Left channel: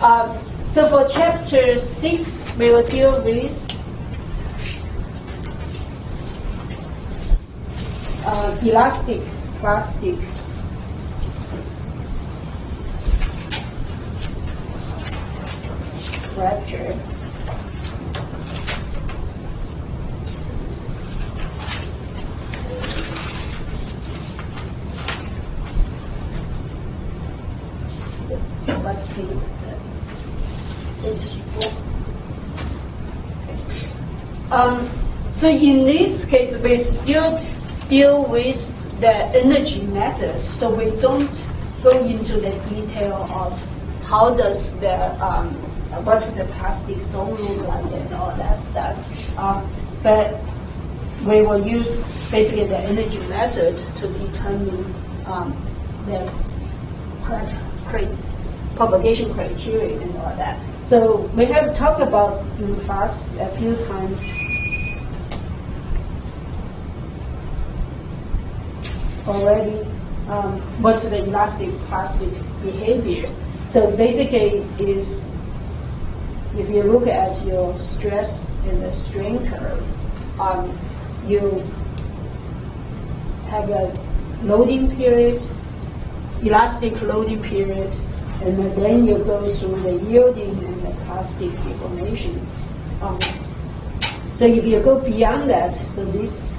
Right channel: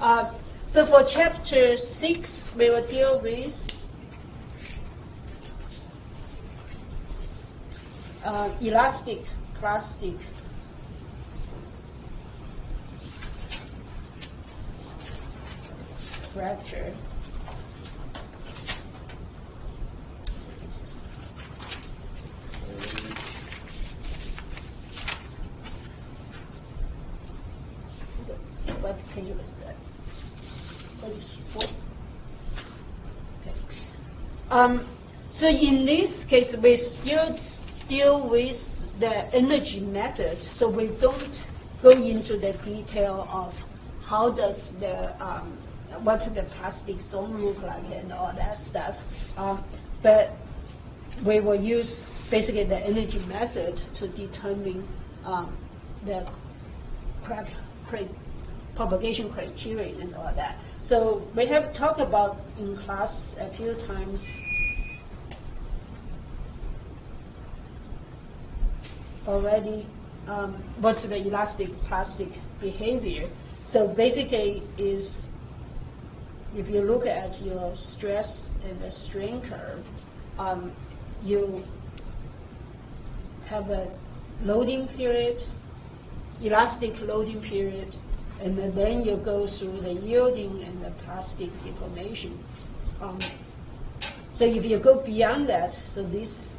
So for chapter 6, we will deal with elastic plastic fracture. What page is that? So in this case, we still deal with the energy method. So we don't go into the detail of how does the what's the plastic zone look like and all that stuff. But we will use basically the energy method to determine the propagation criteria and all that. So we have talked about in class a few times already what's the elastic plastic behavior. So basically is if you look at your stress and the strain curve, you have a loading period, elastic loading period, and then you go through the yielding and the plastic deformation. So if you go beyond that, so this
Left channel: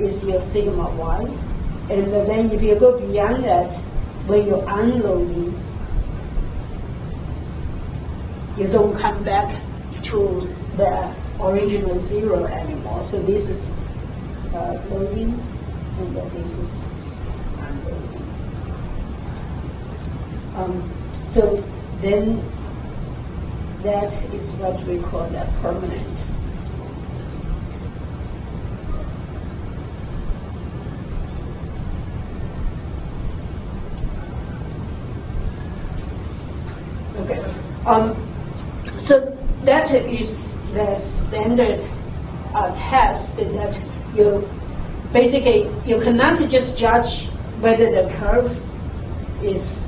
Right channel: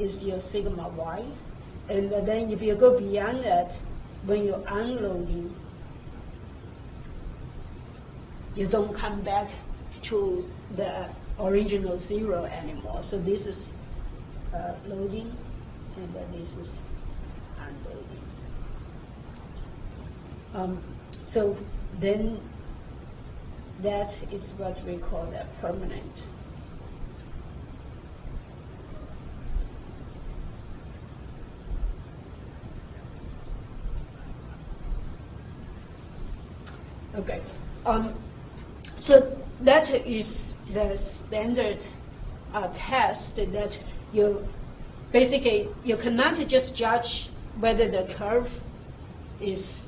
is your sigma y, and then if you go beyond that, when you're unloading, you don't come back to the original zero anymore. So this is loading, and then this is unloading. So then that is what we call the permanent. Okay. So that is the standard test that you basically you cannot just judge whether the curve is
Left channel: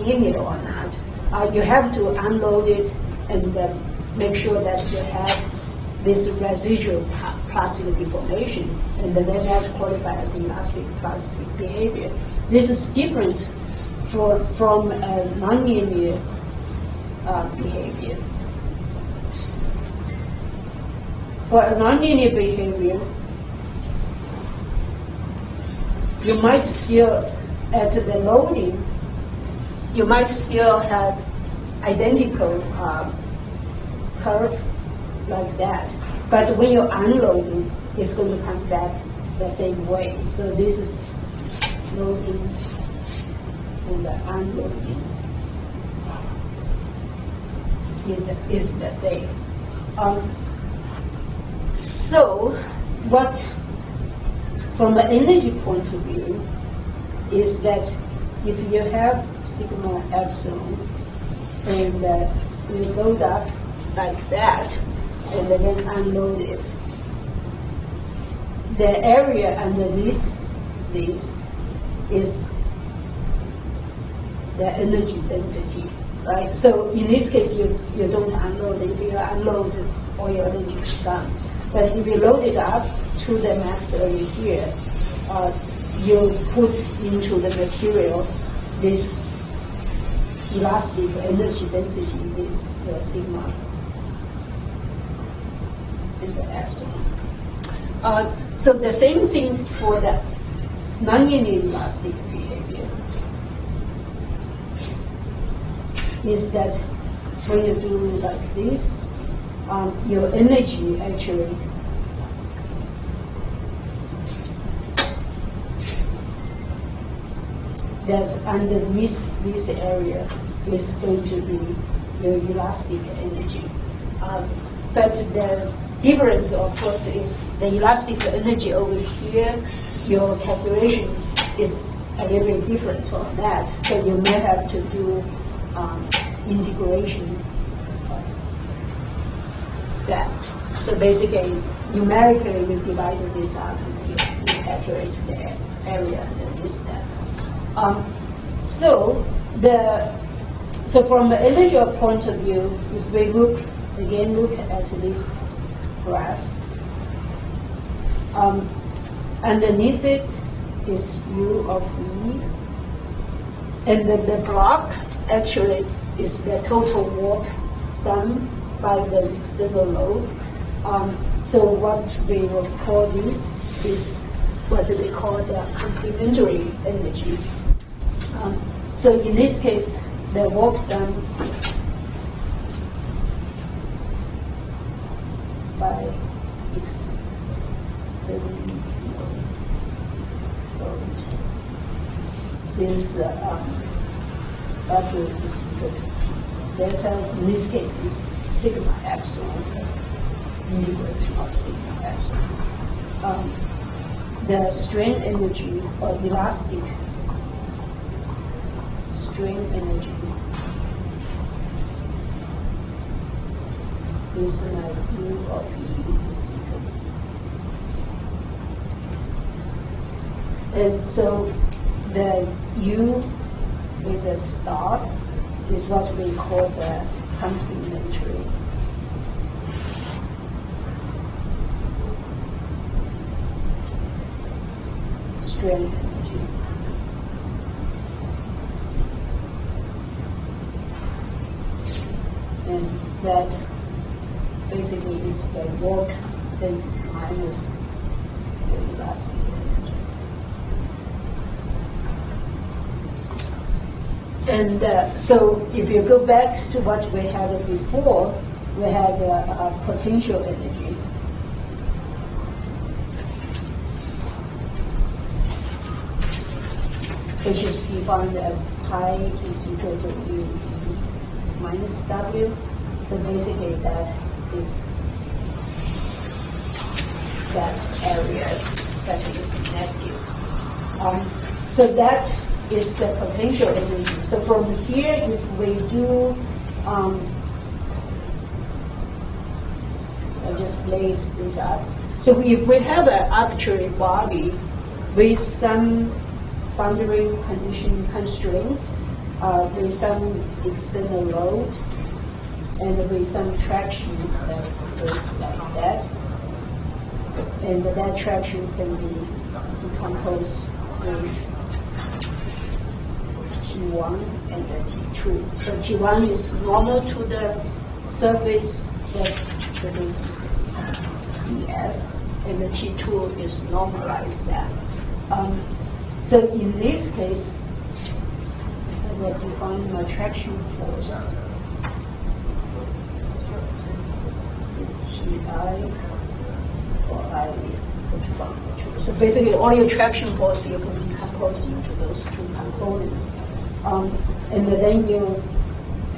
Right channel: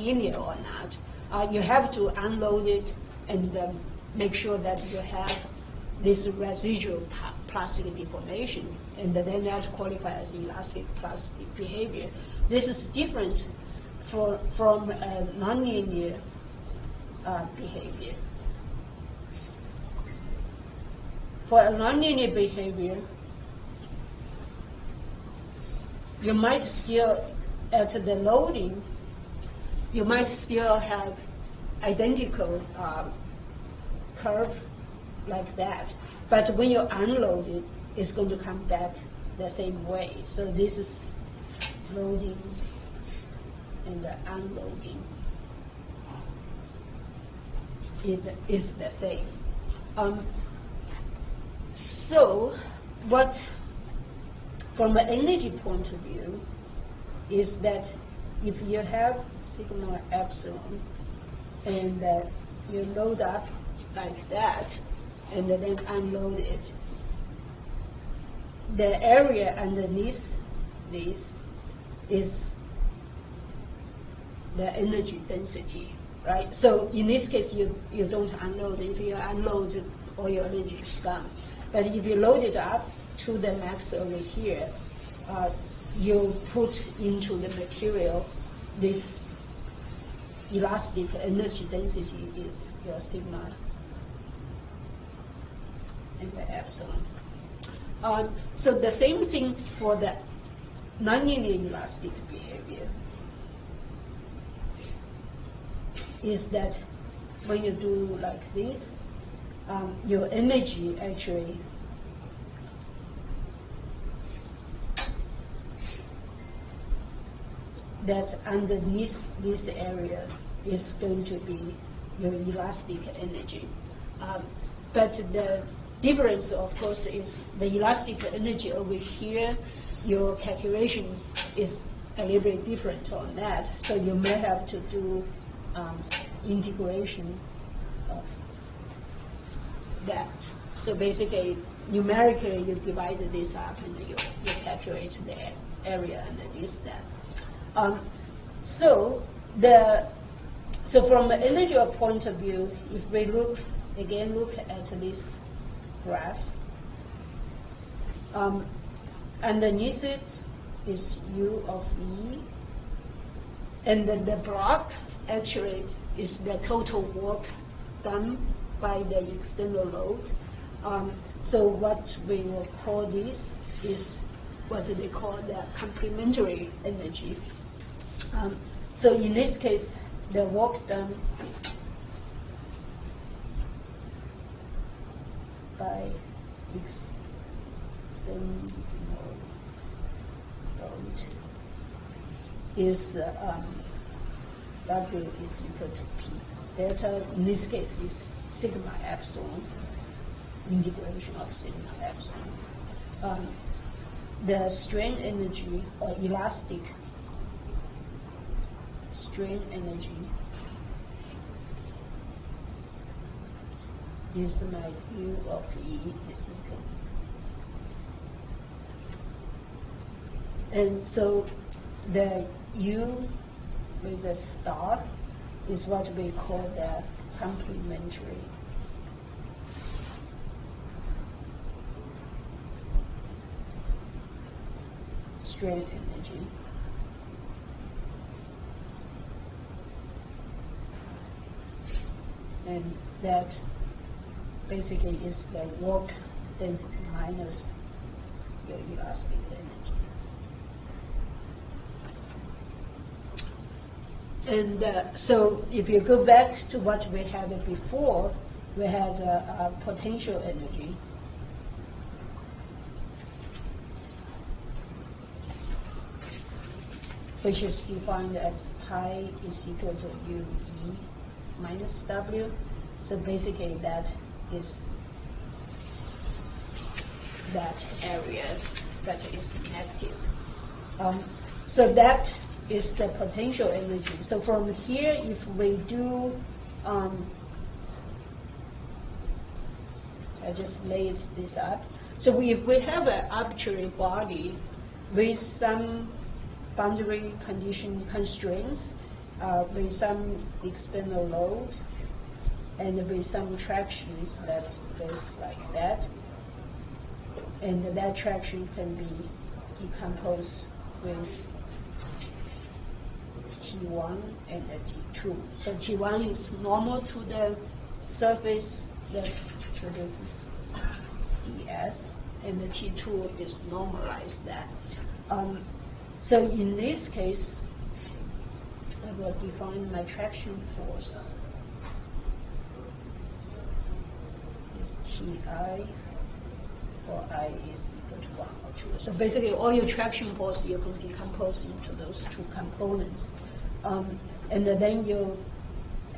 linear or not. You have to unload it and make sure that you have this residual plastic deformation, and then that qualifies as elastic plastic behavior. This is different from a nonlinear behavior. For a nonlinear behavior, you might still, at the loading, you might still have identical curve like that. But when you're unloading, it's going to come back the same way. So this is loading and the unloading is the same. So what, from an energy point of view, is that if you have sigma epsilon and you load up like that and then unload it, the area underneath this is the energy density, right? So in this case, you don't unload it. If you unload, all your energy is gone. But if you load it up to the max over here, you put into the material this elastic energy density is your sigma and the epsilon. So the same thing for the nonlinear elastic behavior is that when you do like this, your energy actually that underneath this area is going to be your elastic energy. But the difference, of course, is the elastic energy over here, your calculation is a little bit different on that. So you may have to do integration of that. So basically, numerically, you divide this up and you calculate the area underneath that. So So from an energy point of view, if we look at this graph, underneath it is U of E, and the block actually is the total work done by the external load. So what we will call this is what they call the complementary energy. So in this case, the work done by is W is equal to P. Delta in this case is sigma epsilon, integration of sigma epsilon. The strain energy or elastic strain energy is U of E is equal. And so the U with a star is what we call the complementary strain energy. And that basically is the work density minus the elastic energy. And so if you go back to what we had before, we had potential energy. Which is defined as pi is equal to U minus W. So basically that is that area that is negative. So that is the potential energy. So from here, if we do, I just lace this up. So if we have an arbitrary body with some boundary condition constraints, with some external load, and with some tractions that goes like that, and that traction can be decomposed with T1 and the T2. So T1 is normal to the surface that produces ES, and the T2 is normalized that. So in this case, I will define my traction force is Ti, or I is equal to 1 2. So basically, all your traction force you can decompose into those two components. And then your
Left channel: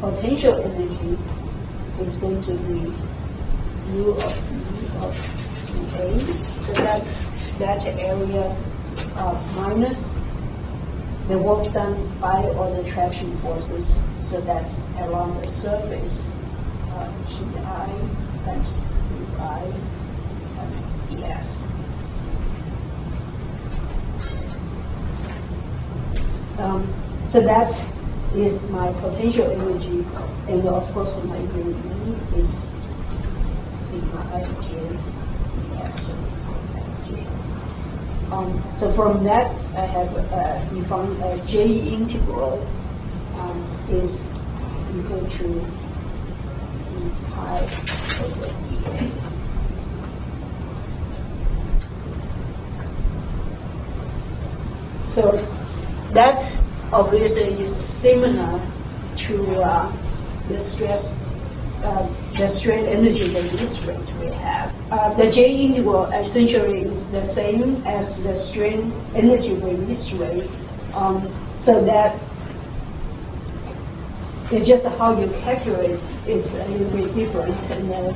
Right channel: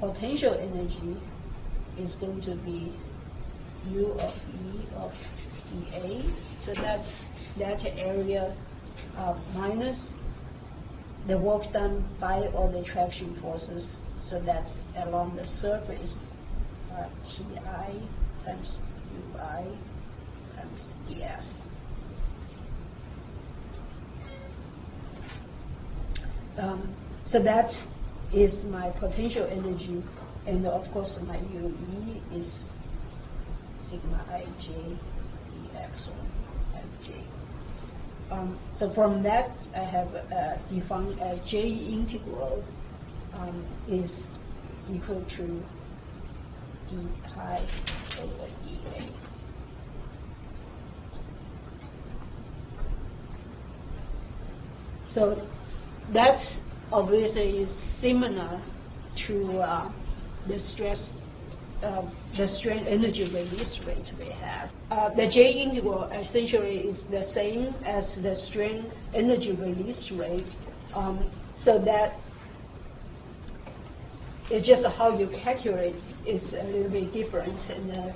potential energy is going to be U of A. So that's that area minus the work done by all the traction forces. So that's along the surface, Ti times Ui times ds. So that is my potential energy, and of course my UE is sigma ij epsilon ij. So from that, I have defined a J integral is equal to d pi over dA. So that obviously is similar to the strain energy release rate we have. The J integral essentially is the same as the strain energy release rate, so that it's just how you calculate is a little bit different, and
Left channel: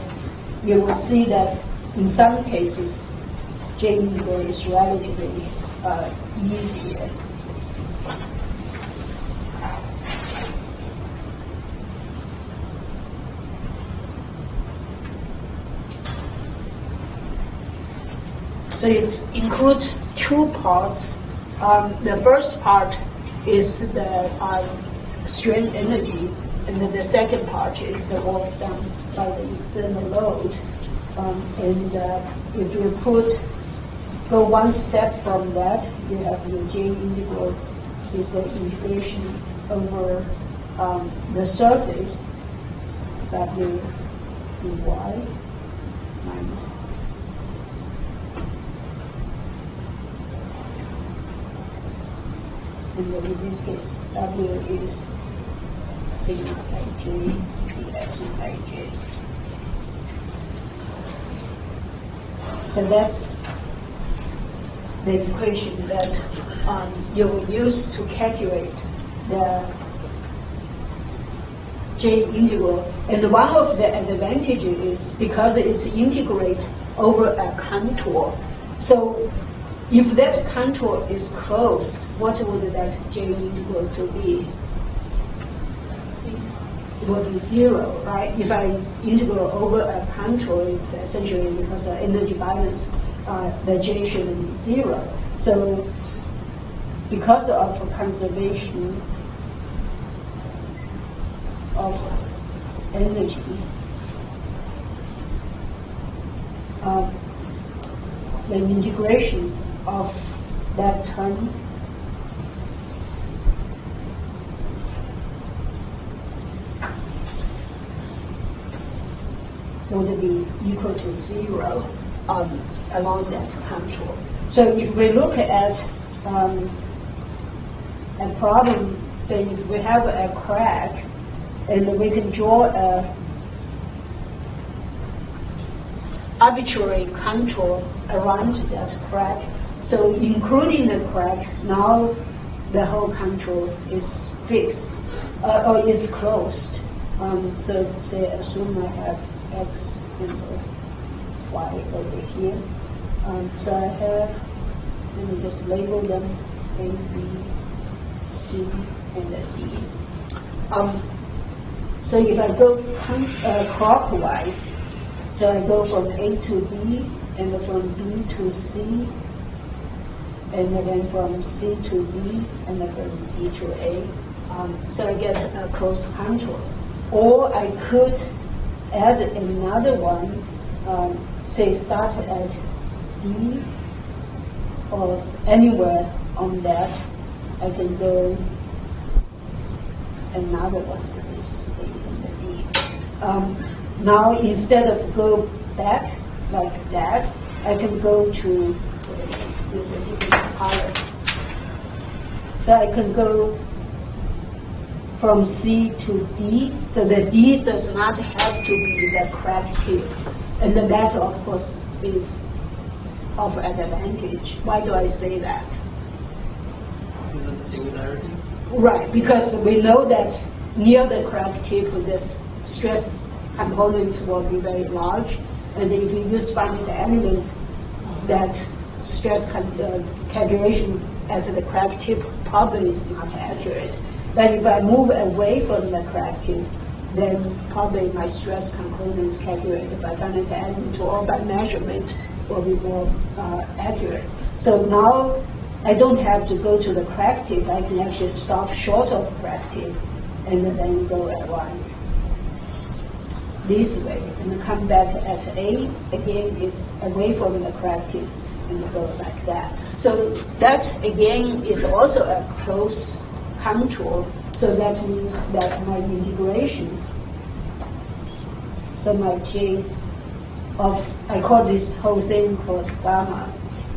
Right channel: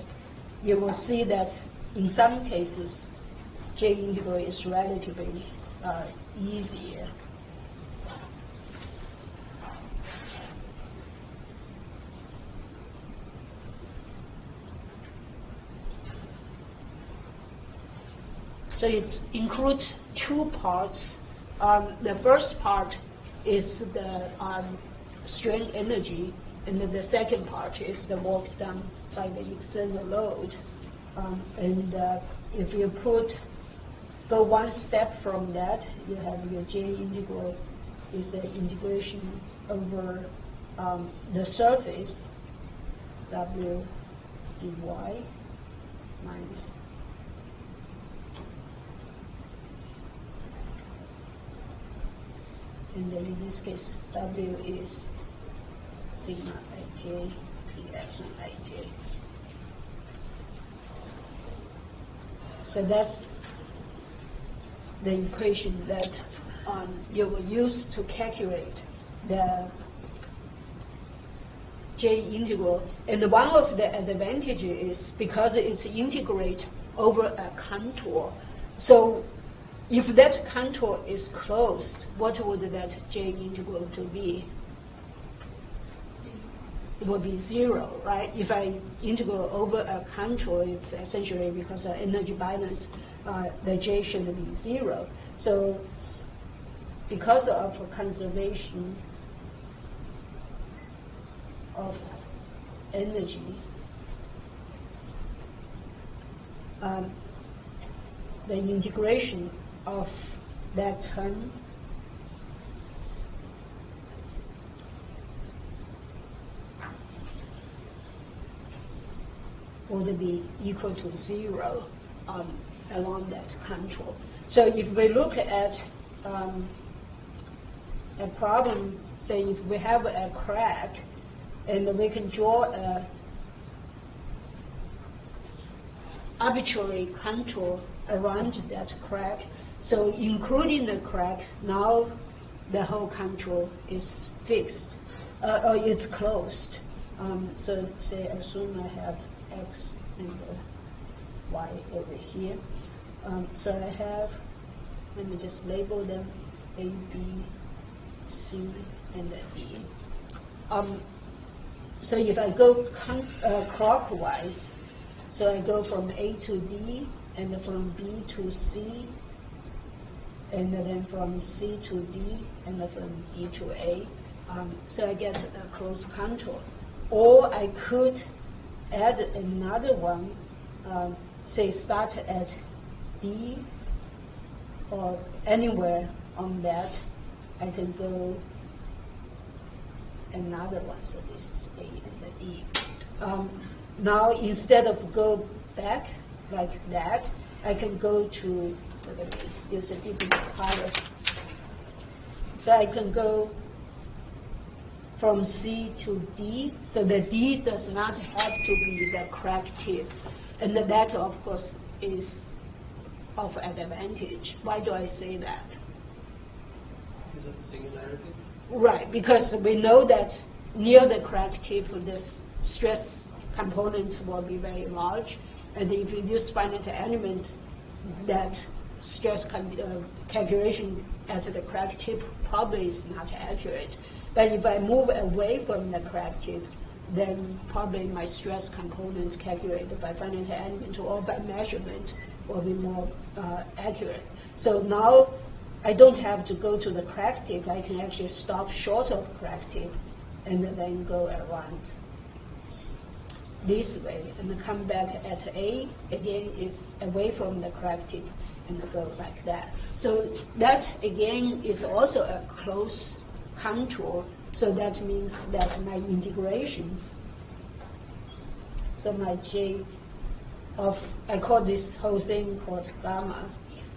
you will see that in some cases J integral is relatively easier. So it includes two parts. The first part is the strain energy, and then the second part is the work done by the external load. If you go one step from that, you have the J integral is an integration over the surface W dy minus and then in this case W is sigma ij px ij. So that's the equation that you will use to calculate the J integral. And one of the advantages is because it's integrate over a contour. So if that contour is closed, what would that J integral to be? It would be 0, right? If I integral over a contour, it's essentially because of energy balance, the J should be 0. So because of conservation of energy, the integration of that term would be equal to 0 along that contour. So if we look at a problem, say if we have a crack, and we can draw a arbitrary contour around that crack. So including the crack, now the whole contour is fixed, or it's closed. So say assume I have X and Y over here. So I have, let me just label them A, B, C, and D. So if I go clockwise, so I go from A to B, and then from B to C, and then from C to D, and then from D to A. So I get a closed contour. Or I could add another one, say start at D, or anywhere on that, I can go another one, so this is A and the D. Now instead of go back like that, I can go to, use a different color. So I can go from C to D, so the D does not have to be the crack tip. And that, of course, is of advantage. Why do I say that? Because of the singularity? Right, because we know that near the crack tip, the stress components will be very large, and if you use finite element, that stress calculation at the crack tip probably is not accurate. But if I move away from the crack tip, then probably my stress components calculated by finite element or by measurement will be more accurate. So now I don't have to go to the crack tip. I can actually stop short of crack tip and then go around this way and come back at A. Again, is away from the crack tip and go like that. So that again is also a close contour. So that means that my integration, so my J of, I call this whole thing called gamma.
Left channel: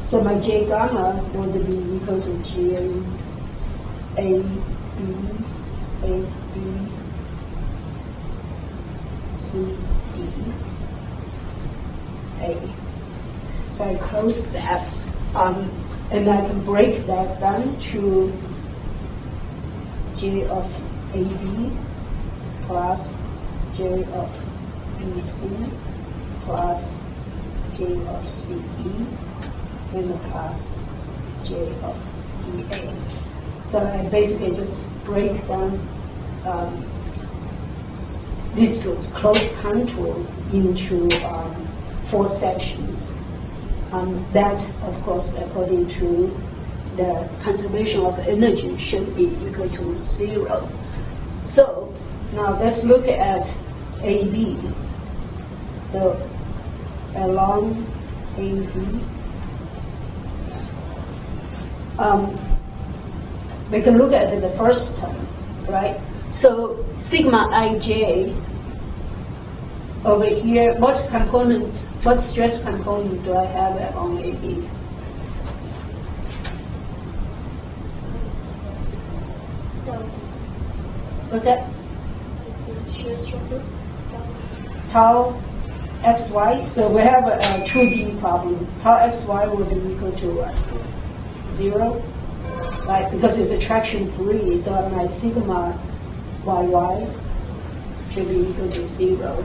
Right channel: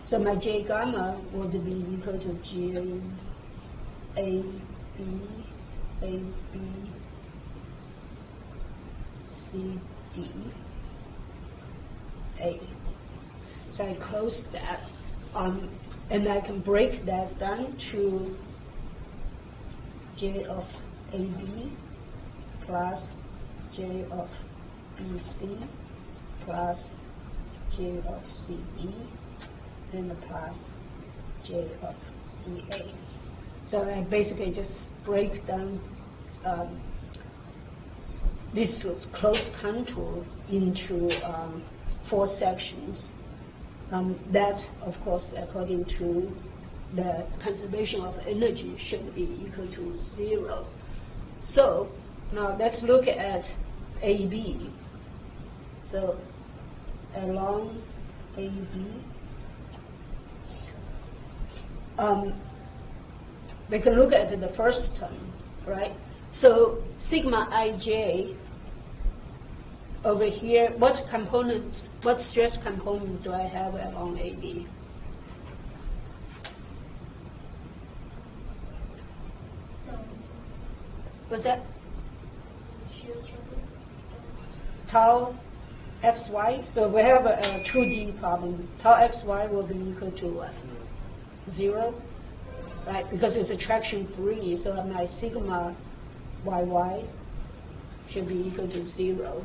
So my J gamma would be equal to J A B C D A. So I close that, and I can break that down to J of AB plus J of BC plus J of CE and plus J of DA. So I basically just break down this closed contour into 4 sections. That, of course, according to the conservation of energy, should be equal to 0. So now let's look at AB. So along AB, we can look at the first term, right? So sigma ij over here, what stress component do I have on AB? What's that? Shear stresses. Tau xy. So we have a 2D problem. Tau xy will be equal to what? 0, right? Because it's attraction free, so my sigma yy should be equal to 0,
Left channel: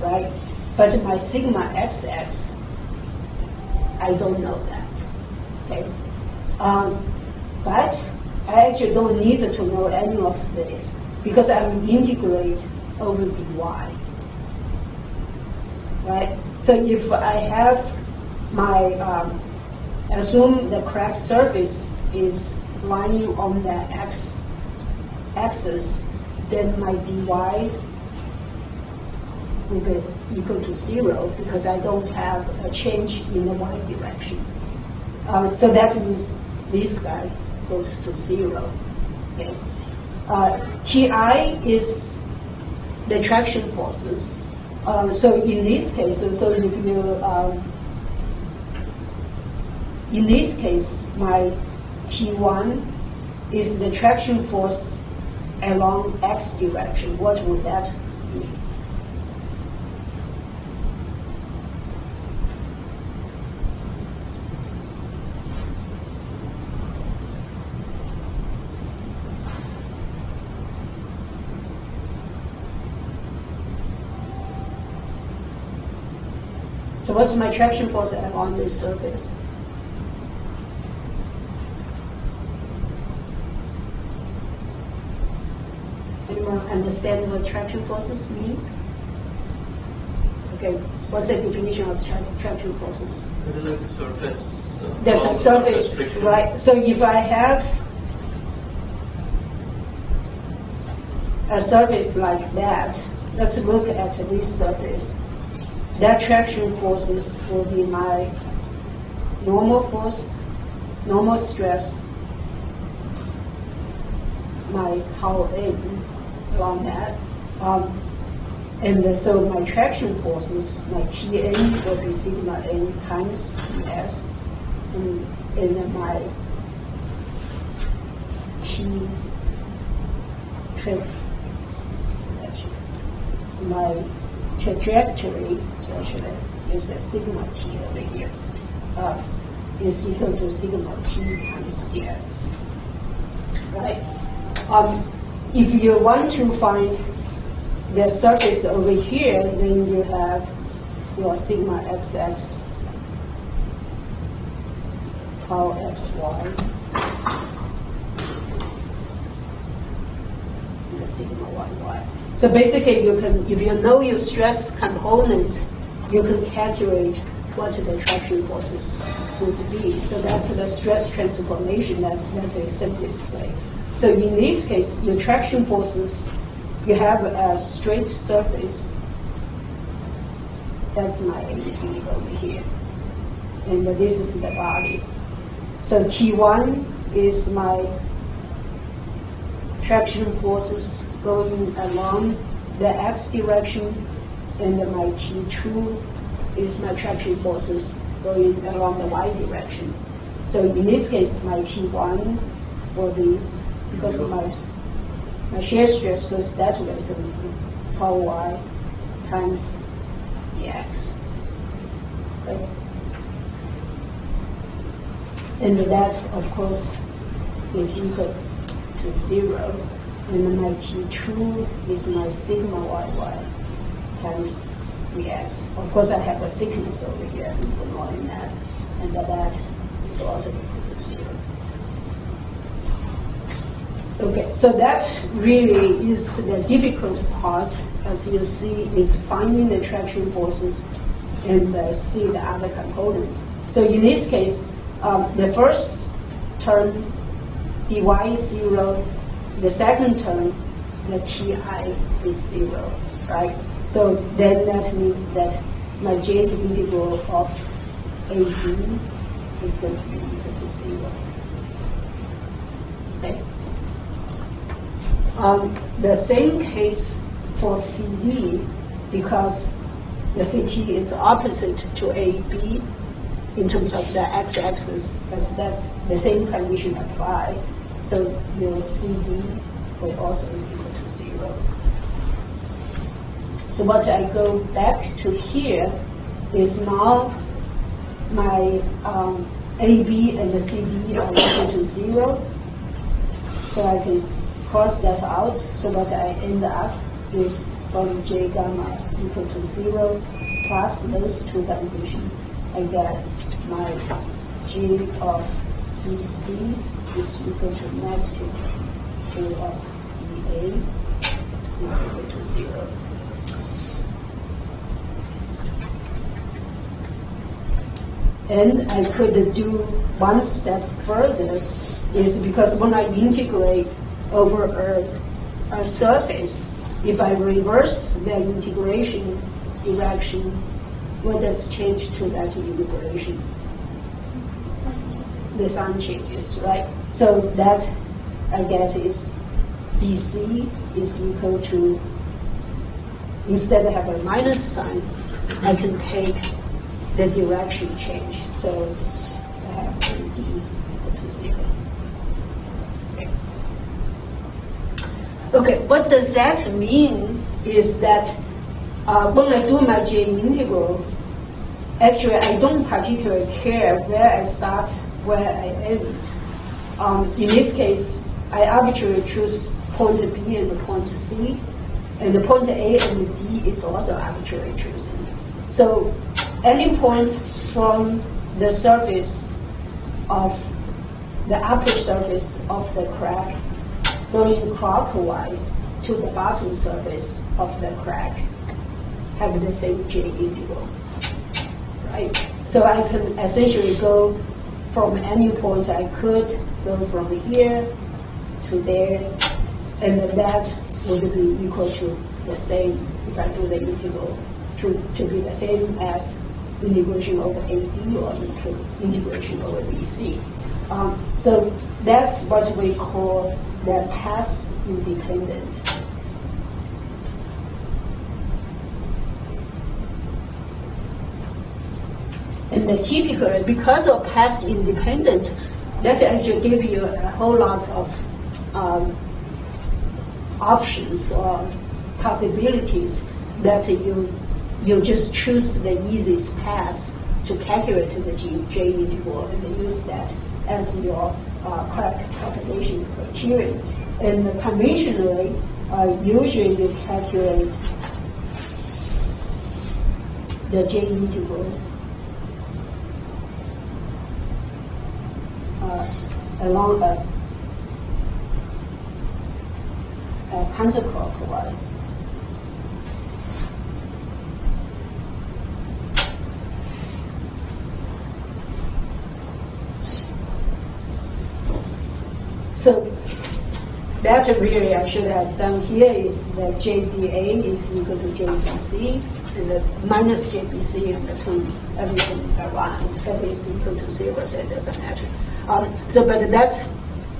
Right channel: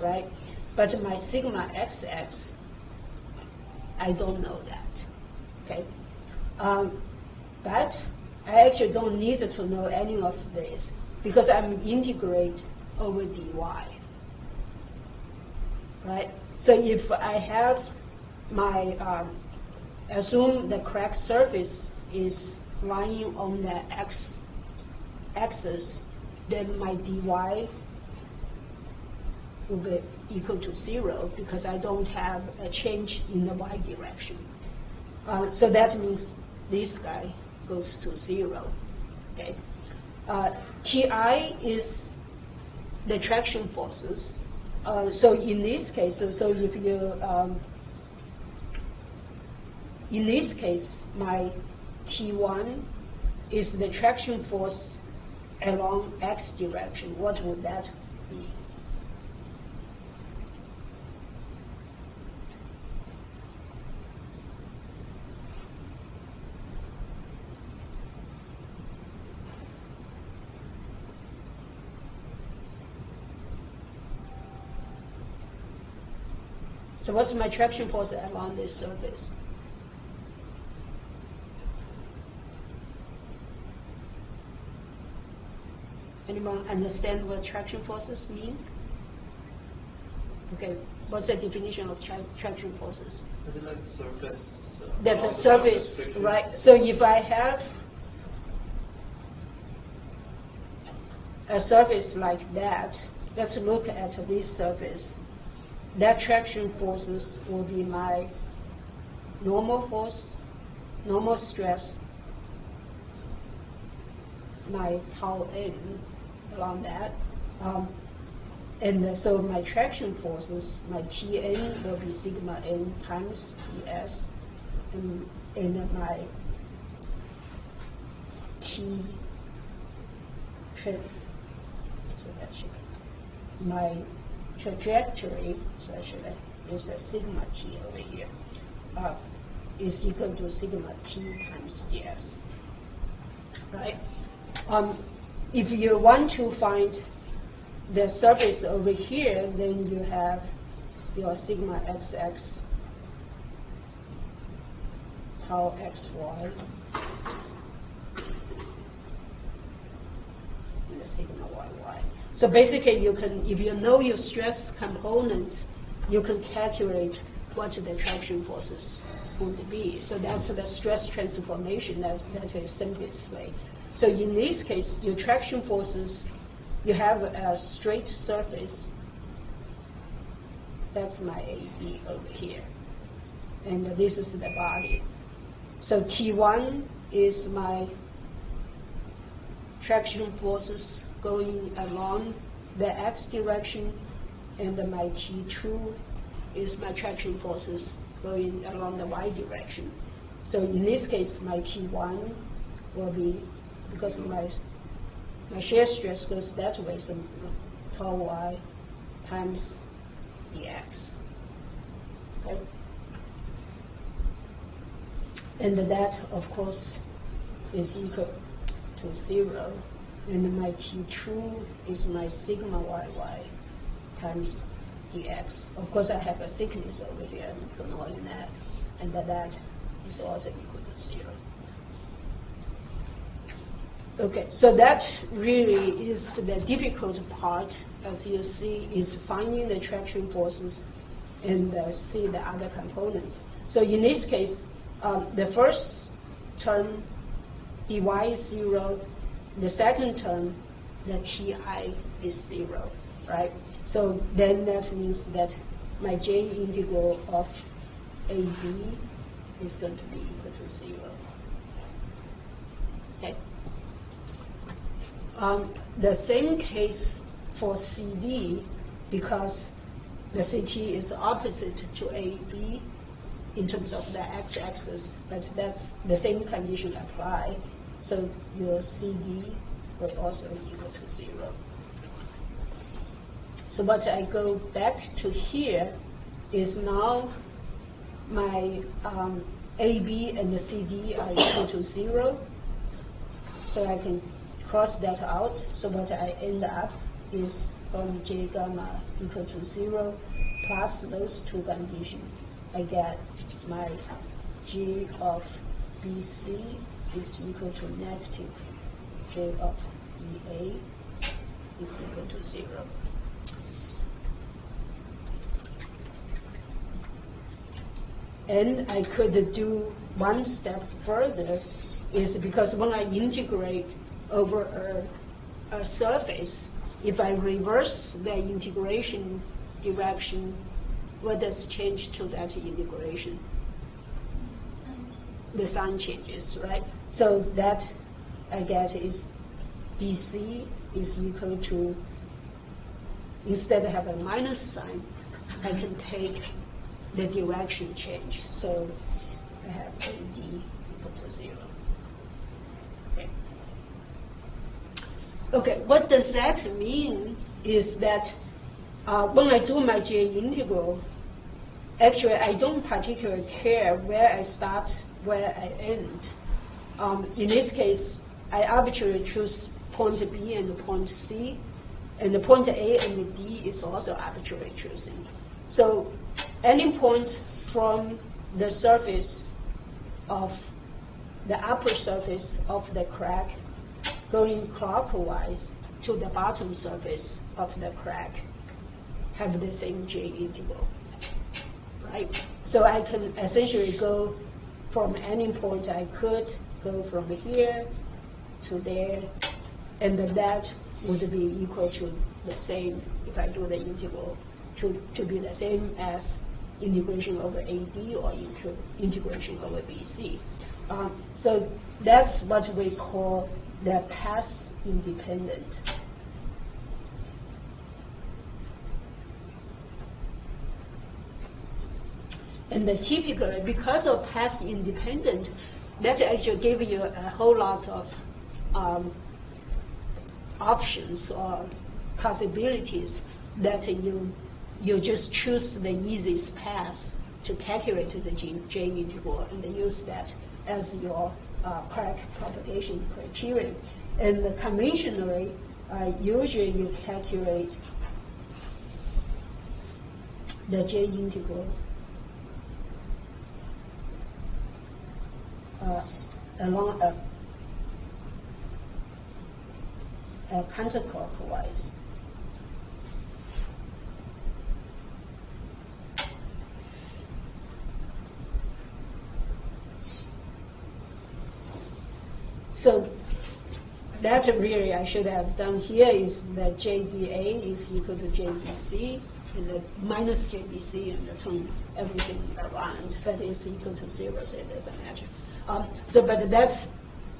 right? But my sigma xx, I don't know that, okay? But I actually don't need to know any of this because I'm integrate over dy, right? So if I have my, assume the crack surface is lying on the x-axis, then my dy will be equal to 0 because I don't have a change in the y direction. So that means this guy goes to 0. Okay. Ti is the attraction forces. So in this case, so if you in this case, my T1 is the traction force along x direction. What would that be? So what's my traction force along this surface? Anyone understand what traction forces mean? Okay, what's the definition of traction forces? Is it like the surface? That's a surface, friction? right? So if I have a surface like that, let's look at this surface. That traction forces will be my normal force, normal stress, my tau n along that. So my traction forces, my Tn will be sigma n times Ts, and then my my trajectory, so I should use a sigma t over here, is equal to sigma t times ds. Right? If you want to find the surface over here, then you have your sigma xx, tau xy, and the sigma yy. So basically, you can, if you know your stress component, you can calculate what the traction forces would be. So that's the stress transformation. That's the simplest way. So in this case, your traction forces, you have a straight surface. That's my AD over here. And this is the body. So T1 is my traction forces going along the x direction, and my T2 is my traction forces going along the y direction. So in this case, my T1 will be, because of my shear stress goes that way, so tau y times dx. Okay. And that, of course, is equal to 0. And then my T2 is my sigma yy times dx. Of course, I have a thickness over here, ignoring that. And that is also equal to 0. Okay, so that really is the difficult part, as you see, is finding the traction forces and see the other components. So in this case, the first term, dy is 0. The second term, the Ti is 0, right? So then that means that my J integral of AB is going to be equal to 0. Okay. The same case for CD, because the CT is opposite to AB in terms of the x-axis, but that's the same condition apply. So your CD will also be equal to 0. So what I go back to here is now my AB and the CD are equal to 0. So I can cross that out. So what I end up is from J gamma equal to 0 plus those two conditions. I get my J of BC is equal to negative J of BA is equal to 0. And I could do one step further, is because when I integrate over a surface, if I reverse the integration direction, what does change to that integration? The sign changes, right? So that I get is BC is equal to, instead of having a minus sign, I can take the direction change. So I have AD equal to 0. Okay, what does that mean is that when I do my J integral, actually I don't particularly care where I start, where I end. In this case, I arbitrarily choose point B and point C, and the point A and D is also arbitrarily choosing. So any point from the surface of the upper surface of the crack going clockwise to the bottom surface of the crack have the same J integral, right? So I can essentially go from any point I could, go from here to there, and then that would be equal to the same, if I do the integral, to be the same as integration over AD or integration over BC. So that's what we call the path independent. And the typical, because of path independent, that actually give you a whole lot of options or possibilities that you just choose the easiest path to calculate the J integral and use that as your crack propagation criterion. And conventionally, usually you calculate the J integral along a counterclockwise. So that's really I should have done here is that JDA is equal to JBC, and the minus JBC and the turn everything around, that is equal to 0, so it doesn't matter. But that's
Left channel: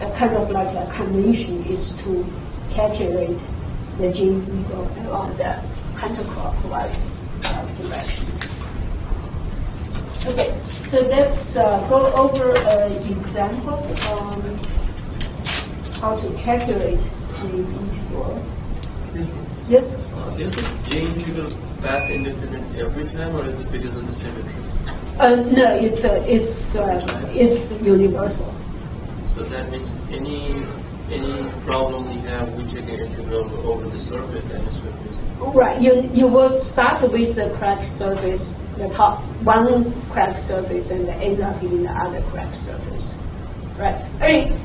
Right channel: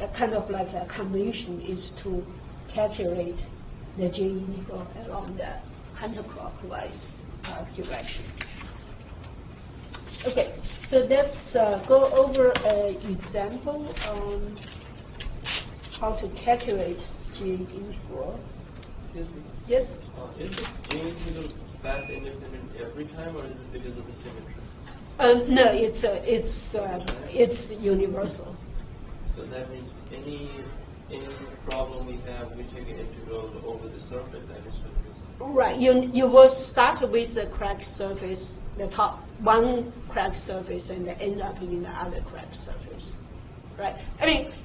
a kind of like a convention is to calculate the J integral along the counterclockwise directions. Okay, so let's go over an example on how to calculate J integral. Yes? Is the J integral path independent every time, or is it because of the symmetry? No, it's universal. So that means any problem we have, we take an integral over the surface and it's with Right. You will start with the crack surface, the top one crack surface, and end up in the other crack surface. Right. I mean,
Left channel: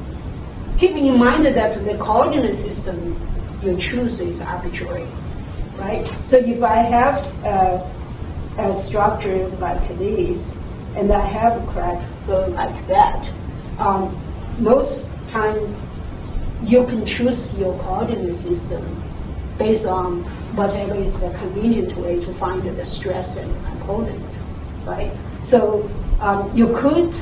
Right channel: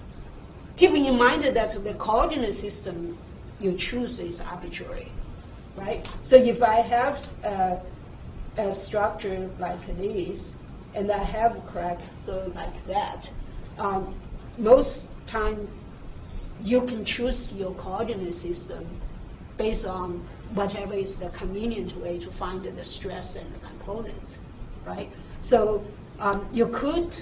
keep in mind that the coordinate system you choose is arbitrary, right? So if I have a structure like this, and I have a crack go like that, most time you can choose your coordinate system based on whatever is the convenient way to find the stress and the component, right? So you could,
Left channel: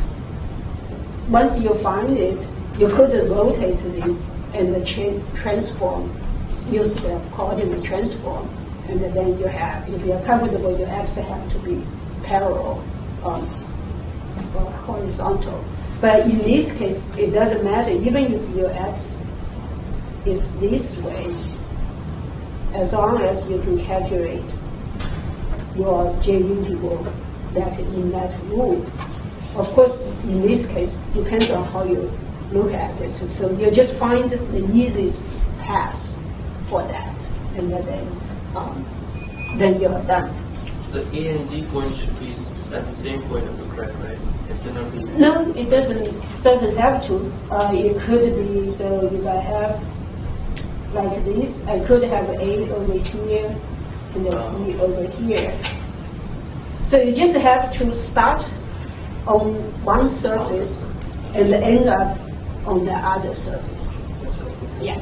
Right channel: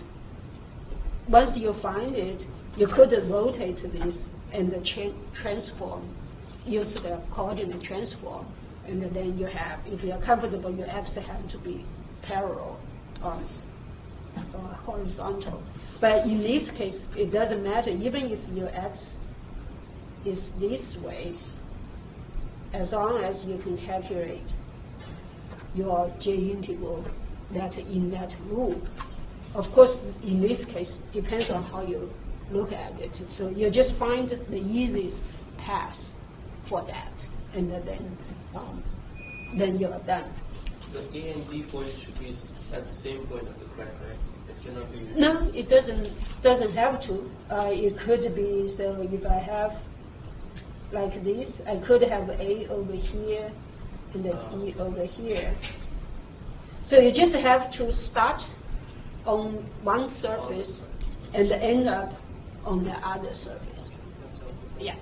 once you find it, you could rotate this and transform, use the coordinate transform, and then you have, if you're comfortable, your x have to be parallel or horizontal. But in this case, it doesn't matter, even if your x is this way, as long as you can calculate your J integral that in that rule. Of course, in this case, depends on how you look at it. So you just find the easiest path for that, and then you're done. The A and D point should be at the same point of the crack, right? It cannot be. No, it doesn't have to. It could be, so if I have like this, I could have A over here and then D over here. So you just have to start on one surface and end up on the other surface. That's helpful. Yeah.